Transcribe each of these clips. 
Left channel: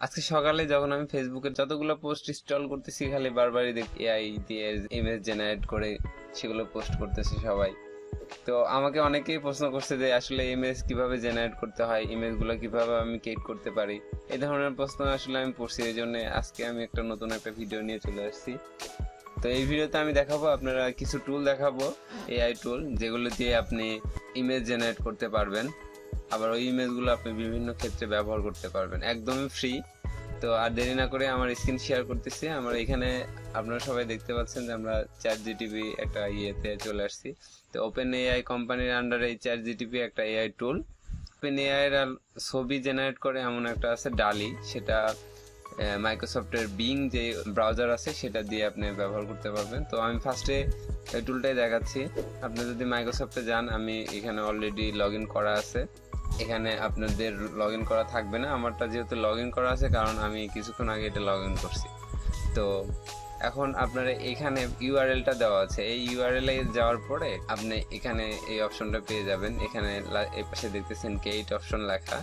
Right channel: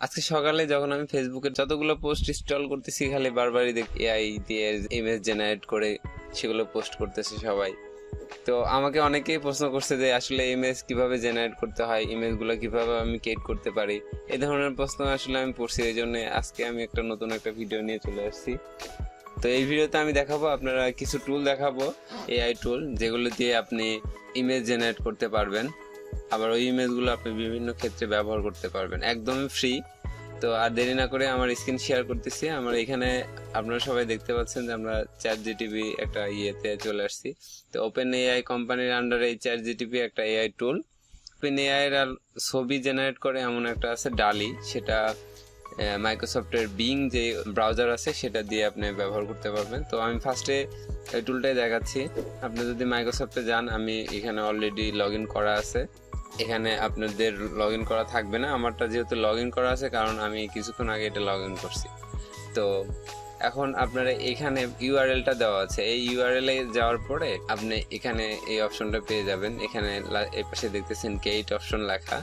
আজকে সকালে যখন আমি ফেসবুকে যতগুলো পোস্ট স্ক্রল করতেছি, খালি বারবারই দেখি এআই দিয়ে ইমেজ জেনারেট করে সেগুলো পোস্ট করতেছে সবাই। তো আমাকে অনেকেই প্রশ্ন করছে যে আসলে ইমেজ কিভাবে জেনারেট করতে হয়, ইমেজগুলো কিভাবে আমি ক্রিয়েট করতে পারি, এই ধরনের প্রশ্ন আসলে আমি পড়ছি। এই জন্য আজকে আমি নতুন একটা ভিডিও নিয়ে চলে আসছি। তো এই ভিডিওতে আমি দেখাবো, আপনারা কিছু টুল দেখাবো, এআই টুল, যেগুলো দিয়ে আপনি ইমেজ জেনারেট করতে পারবেন। আবার ওই ইমেজগুলো আপনি বিভিন্ন ক্ষেত্রে ব্যবহার করতে পারবেন, একদমই ফ্রি। তো আর দেরি না করে আমার স্ক্রিন শেয়ার করতেছি। আমার এখানে আপনারা সবাই দেখতে পাচ্ছেন যে আমরা চ্যাট জিটিপি একটা ইয়েতে চলে আসছি। তো ওপেন এআই কোম্পানির আন্ডারে এই চ্যাট জিটিপি একটা এআই টুল। ওপেন এআই এর ছবি জেনারেট করে এমন একটা আছে ডালি, সেটা মাইক্রোসফটের বিং যে ব্রাউজার আছে সেটা দিয়ে আপনি ব্যবহার করতে পারবেন। তো আমি ফার্স্টে এই টুলটাই দেখাচ্ছি। আপনি যদি মাইক্রোসফটে যান, আমি এখানে অলরেডি লগ ইন করা আছে। এখানে আপনাদের লগ ইন করা থাকবে না, আমারটা যেহেতু লগ ইন করা আছে, কারণ আমি কিছুক্ষণ আগে এটা লগ ইন করছি। তো এখন আপনারা এখানে ইউআরএলটা দেওয়া আছে, এই ইউআরএল এ যাওয়ার পরে আপনি এখানে এই অপশনটা পেয়ে যাবেন। এখানে এই পাশে দেখতেছেন ক্রিয়েট অপশন লেখা,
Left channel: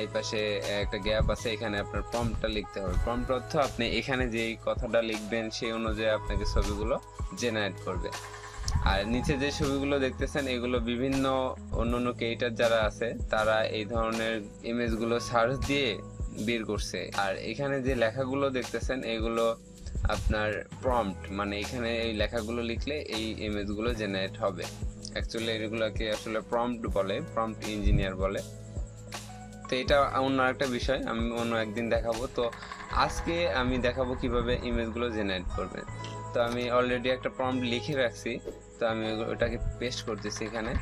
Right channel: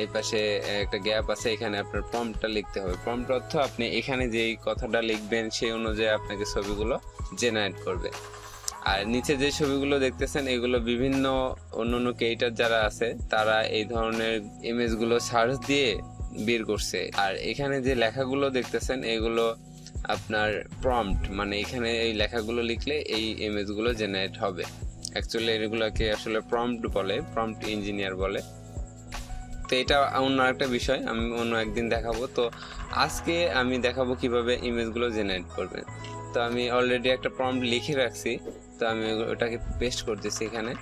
এই পাশে একটা গ্যাপ আছে, এখানে আপনার প্রম্পটটা লিখতে হবে। প্রম্পট অর্থ আপনি এখানে যেই কথাটা লিখবেন সেই অনুযায়ী আপনাকে ছবিগুলো জেনারেট করবে। আর নিচে যে ছবিগুলো দেখতেছেন এগুলো বিভিন্ন অন্যান্য ক্রিয়েটর যারা আছে তারা এই ধরনের ইমেজগুলো সার্চ দিয়ে বের করছে। আর এখানে যে লেখাগুলো দেখতেছেন এগুলো আপনার প্রম্পট, মানে এখানে এই লেখাগুলো লিখলে এই ইমেজগুলো জেনারেট হবে। অ্যাকচুয়ালি এগুলোকে আসলে প্রম্পট বলে, প্রম্পট ইঞ্জিনিয়ার বলে। তো এটা অন্য একটা বিষয়, আমি অন্য একদিন দেখাবো। তো আজকে আমি দেখাবো কিভাবে ইমেজগুলো জেনারেট করবে। তো আমি অলরেডি একটা প্রম্পট লিখে রাখছি, তো আমি ওটাকে পেস্ট করতেছি এখানে।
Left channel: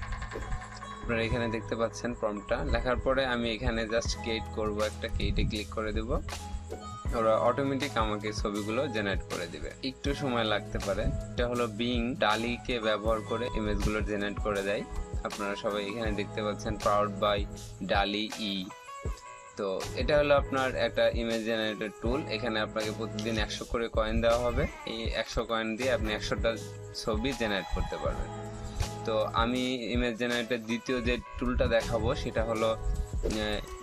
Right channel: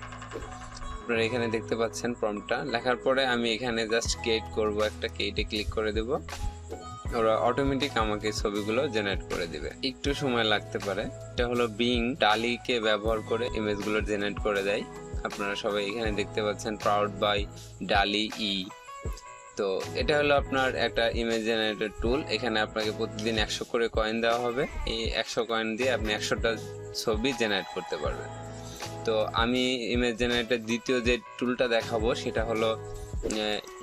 আপনারা এখানে দেখতে পাচ্ছেন প্রম্পটটা লেখার পরে আমি এখানে জাস্ট ক্রিয়েট করব, একটা ক্রিয়েটে ক্লিক করে দেব। ওরা অটোমেটিক আমাকে ছবিগুলো জেনারেট করে দিবে, একটু সময় লাগতে পারে। এটা হলো বিং ডালিকে ব্যবহার করে ইমেজগুলো জেনারেট করে দেয়। আপনারা সবাই এখানে দেখতে পাচ্ছেন প্রাউড বাই ডালি ই। তো এটা হলো আপনার একটা ইমেজ জেনারেটর টুল। এখানে আপনাকে প্রতিদিন 100 করে কয়েন দেওয়া হবে। এই 100 কয়েন দিয়ে আপনি 100টা ছবি জেনারেট করতে পারবেন। তো আমি ইমেজ জেনারেটর দ্বিতীয় যে টুলটা দেখাবো সেটা হলো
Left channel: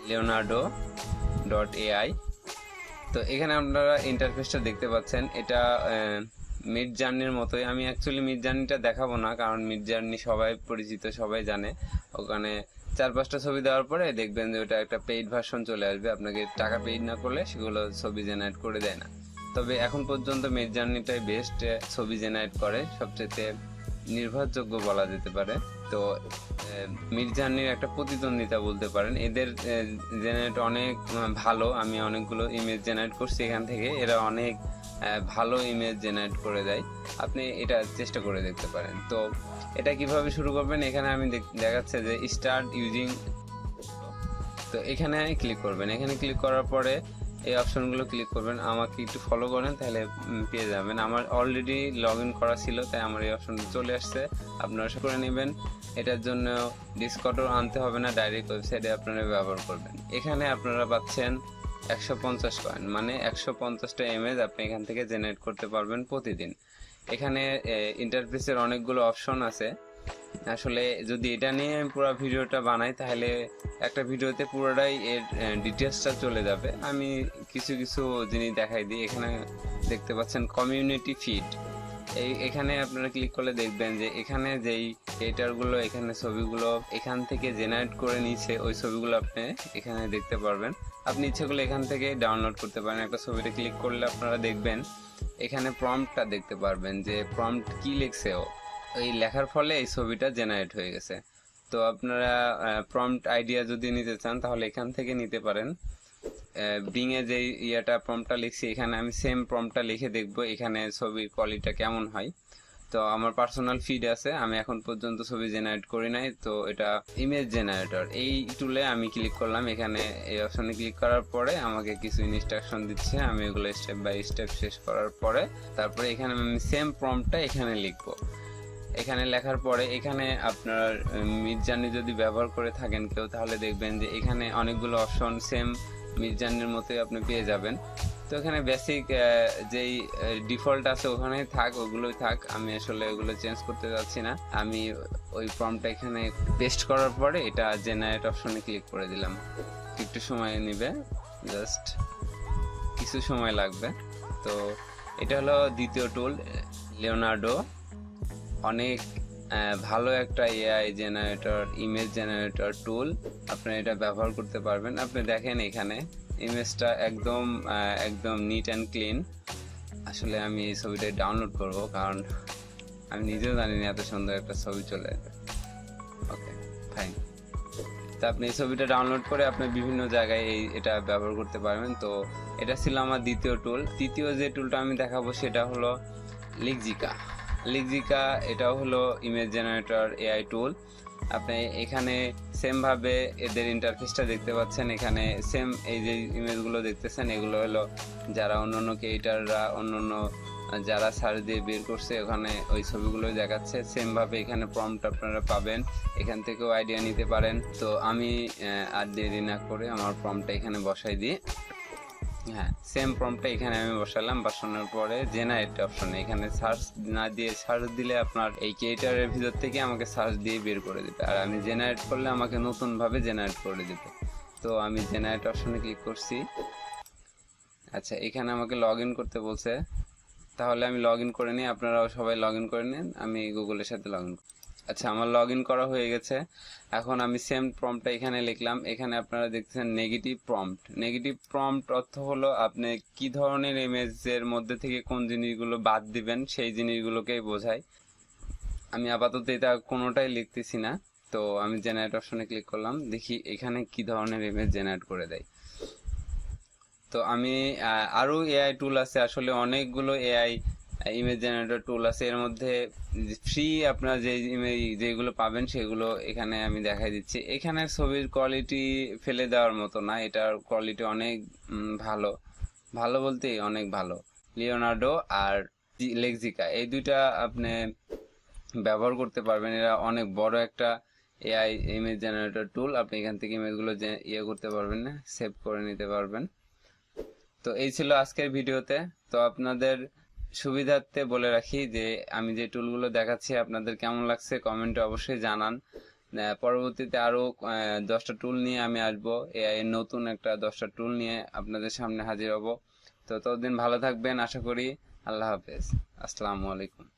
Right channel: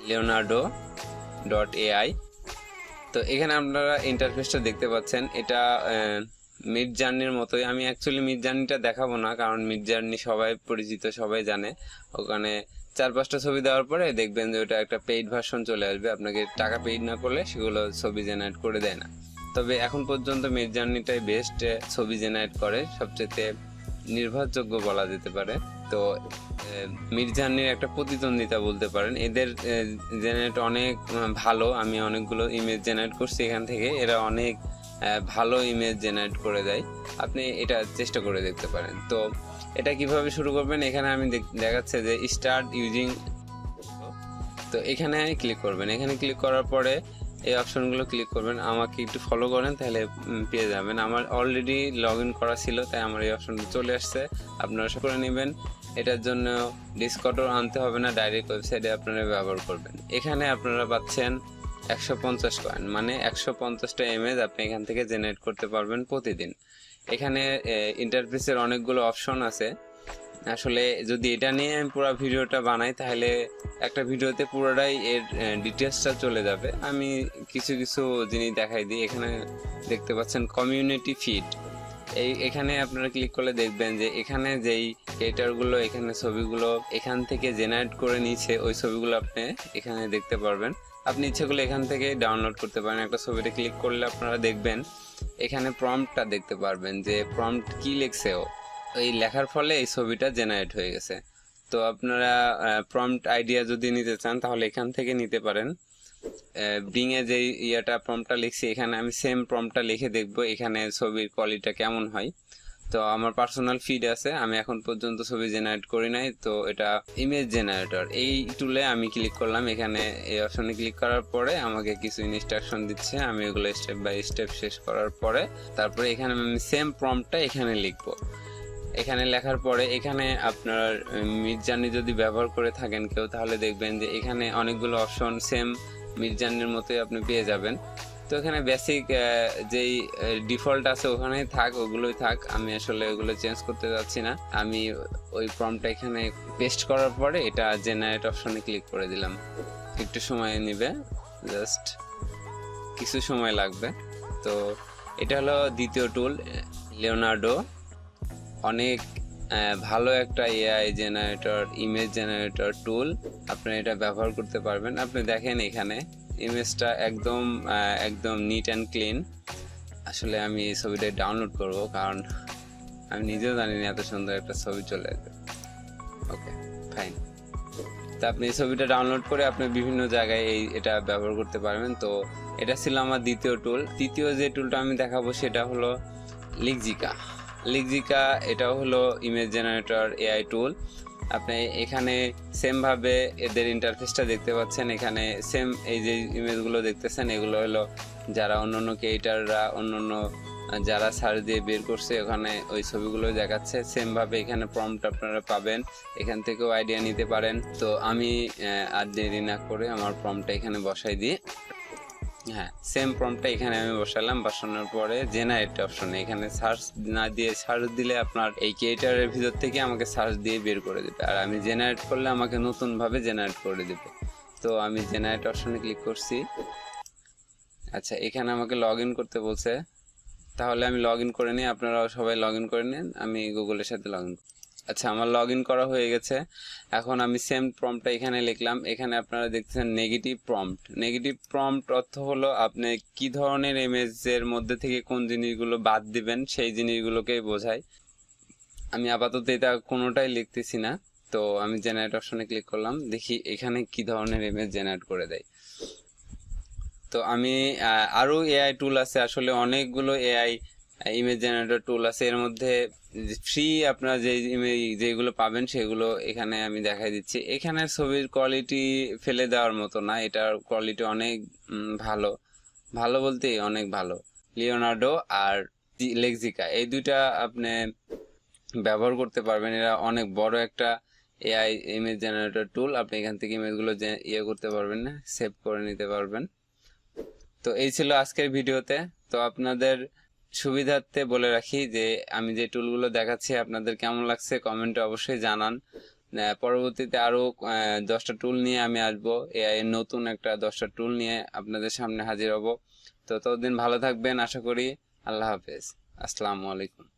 লিওনার্ডো ডট এআই। তো এখানে আপনারা ইন্টারফেসটা দেখতে পাচ্ছেন, এটা মিড জার্নির মতোই। আমি অ্যাকচুয়ালি মিড জার্নিটা দেখাবো না, কারণ মিড জার্নি সবাই পরিচিত, সবাই জানে। ওখানে 4-5টা ছবি দেওয়ার পরে দেখবেন যে ওটা একটা পেইড ভার্সন চলে আসবে, আপনাকে টাকা পেইড না করলে সেগুলো ছবি জেনারেট করে দেয় না। তবে এখন পর্যন্ত মিড জার্নিটাই বেস্ট ছবি জেনারেট করে, সবচেয়ে নির্ভরযোগ্য বলা যেতে পারে। তো মিড জার্নির একটা প্রতিদ্বন্দ্বিতা বলতে পারেন, এদের জেনারেট অনেক ভালো। আমি অনেকগুলো ইমেজ জেনারেট করছি এখান থেকে, এরা অনেক ভালো ইমেজ জেনারেট করে দেয়। আপনি এটা চেষ্টা করে দেখতে পারেন। তো এটা কিভাবে শুরু করবেন, এখানে আমি দেখাচ্ছে যে স্টার্ট ইউজিং। তো এখানে ক্লিক করবেন, এখানে ক্লিক করার পরে এই অপশনগুলো ক্লিক করবেন। আমাকে একটু ফলো করেন তাহলে পেয়ে যাবেন। আমার অলরেডি লগ ইন করা ছিল তাই আমার এই অপশনটা চলে আসছে, আপনারা সব করে নেবেন। এটার জন্য ডিসকর্ডও আনতে হবে না, ডাইরেক্ট ওয়েবসাইটে আপনারা ব্যবহার করবেন। এখানে আপনারা পাচ্ছেন 150 কয়েন, মানে 150টা ইমেজ আপনি এখান থেকে জেনারেট করতে পারবেন প্রতিদিন। এখানে ইন্টারফেসের অনেকগুলো অপশন আছে। আসলে যদি এটা নিয়ে আমি পুরো ভিডিওটা বানাই তাহলে একটা ভিডিওতে পুরোটাই এর ডিটেলসটা চলে যাবে। আমি কিছু কিছু জিনিস দেখাই দিই। এখানে দেখতে পাচ্ছেন কমিউনিটি ফিড, এখানে আপনারা ক্লিক করলে দেখবেন যে এখানে যেই ক্রিয়েটরগুলো এখানে ছবিগুলো এখান থেকে জেনারেট করে নিয়েছে, ওই ছবিগুলো আপনি এখানে দেখতে পারবেন। আপনি ইচ্ছেগুলো এখান থেকে ডাউনলোড করতে পারেন। একটা ছবিতে ক্লিক করলে আপনারা দেখবেন এখানে প্রম্পটটা দেখতে পারবেন যে প্রম্পট কি লিখছে ও, এই লেখার ফলে এই ছবিটা জেনারেট হয়ে গেছে। তো আপনারা প্রম্পট আইডিয়া যদি নিতে চান তাহলে এখান থেকে নিতে পারেন। বিং এ যে প্রম্পটটা লিখছি এখানে আমি সেম প্রম্পটটা লিখে দেখবো এখানে ছবির কোয়ালিটিটা কেমন হয়। তো আমার পার্সোনাল ফিড আছে, আমি এখন পর্যন্ত ছবি জেনারেট করি নাই। তো এটা ইমেজ জেনারেটর, এই টুলে আমি ক্লিক করলাম। এখানে এই অপশনে ক্লিক করার পরে আমাকে কিছু ইনস্ট্রাকশন দিচ্ছে, আমি এগুলো স্টেপ বাই স্টেপ শেষ করার পরে তারপরে এখানে আমি সেম প্রম্পটটা এখানে লিখবো। এখানে লেখার পরে এখানে আপনার মিড জার্নি যদি ব্যবহার করে থাকেন কেউ, তাহলে দেখবেন যে এখানে অনেকগুলো অপশন সেম মিড জার্নির মতোই আপনি পেয়ে যাবেন। তো এখানে বেসিক যেই ডিফল্ট আছে ওখানেই থাক, ওগুলোই থাক। আমি আসলে ওগুলো চেঞ্জ করতে যাচ্ছি না। আমি ওই প্রম্পটটা এখানে পেস্ট করার পরে এটা জেনারেট অপশনে ক্লিক করে দিলাম। একটু সময় নেবে, জাস্ট কিছু সময় লাগবে। তো এটা হলো দ্বিতীয় টুল, লিওনার্ডো। অনেক ভালো একটা এআই জেনারেটর, ইমেজ জেনারেটর টুল। আপনি এটা ব্যবহার করতে পারবেন। আপনি দেখেন এখানে ইমেজটা একদম একদম নিট অ্যান্ড ক্লিন। আসলে আমি এই ছবিটা ডাউনলোড করব, কারণ আমি নিজেও জানি না এত সুন্দর একটা ছবি চলে আসবে। ওকে, ফাইন। তো আপনি এই ছবিটা ডাউনলোড করে আপনি বিভিন্ন জায়গায় এটা ব্যবহার করতে পারবেন। তো এটা ছিল আমার দ্বিতীয় টুল। তৃতীয় যে টুলটা আমি দেখাবো সেটা হলো লিক্সিকা। লিক্সিকা এটাও হলো ইমেজ জেনারেটর এআই টুল। আপনি এখানে সেমভাবে এদের ইন্টারফেসটা দেখতে পাচ্ছেন। এখানে সেম এই যে ইমেজগুলো দেখতেছেন, এগুলো হলো যারা অন্যান্য ক্রিয়েটাররা, অন্যান্য যারা সার্চ দিয়ে বের করছে ওখানে ওই ছবিগুলো দেখাচ্ছে। সেমভাবে এখানে প্রম্পট আপনারা পাবেন, এখান থেকেও আইডিয়া নিতে পারেন। তো আমি আর দেরি না করে আমার প্রম্পটটা এখানে বসাই দিই। হ্যাঁ, সেম প্রম্পটটা এখানে আমি বসালাম। বসানোর পরে জেনারেট অপশনে এখানে সার্চ না দিয়ে, সার্চ দিলে আপনার এই ক্রিয়েটারের ভিতর থেকে আমাকে সার্চ দিয়ে বের করে দেবে, আর আমি জেনারেট করলে আমাকে নতুনভাবে জেনারেট করে দেবে। তো আমি জেনারেট অপশনে ক্লিক করছি। আচ্ছা, এখানে আমাকে লগ ইন করতে বলছে, তাহলে আমি লগ ইন করে নিই। আপনারাও সবাই লগ ইন করে নিন, আমি গুগলের সাথে লগ ইন। আচ্ছা, আমার লগ ইন করা হয়ে গেছে। এখন আমি সেম প্রম্পটটা এখানে লিখলাম। এখানে আপনারা দেখতেছেন নেগেটিভ প্রম্পট। নেগেটিভ প্রম্পট অর্থ হলো আপনি কি ধরনের ইমেজের মধ্যে থেকে কোন জিনিসগুলো বাদ দিবেন সেই জিনিসগুলোকেই বোঝায়। আমি আপাতত এটা কোনোটাই লিখতেছি না। তো আমি জেনারেট অপশনে ক্লিক করলাম, দেখি এখানে কি ধরনের ইমেজ জেনারেট করে দেয়। তো আমি আরও এআই টুল আছে, আসলে অনেকগুলো এআই ইমেজ জেনারেটর টুল আছে। এর মধ্যে ফ্রি আপনারা যে ইমেজ যেগুলো পাবেন সেগুলো এখানে আমি দেখাই দিচ্ছি। এখানে ছবির কোয়ালিটি ফেলে দেওয়ার মতো না, এটার কোয়ালিটি অনেক ভালো। ভালো বলতে অনেক ভালো। লিওনার্ডো আর লেক্সিকা এই দুইটা আপনি ব্যবহার করতে পারবেন। এরা অনেক বড় একটা এআই ইমেজ জেনারেটর টুল। আপনি এখান থেকে ইমেজগুলো করতে পারবেন, না সেভ করে নিতে পারবেন। তো এই ছিল আজকের ভিডিওতে। তো আপনাদের সুবিধার্থে বলে রাখি যে আমি যে টুলগুলো দেখাচ্ছি আপনাদের কেমন লাগছে কমেন্টে অবশ্যই জানান। পরবর্তীতে আরও 10টা টুল নিয়ে আমি আসবো, এআই এর নতুন একটা 10টা টুল নিয়ে আপনাদের সামনে হাজির হব। তো ততদিন ভালো থাকবেন আশা করি। আল্লাহ হাফেজ, আসসালামু আলাইকুম।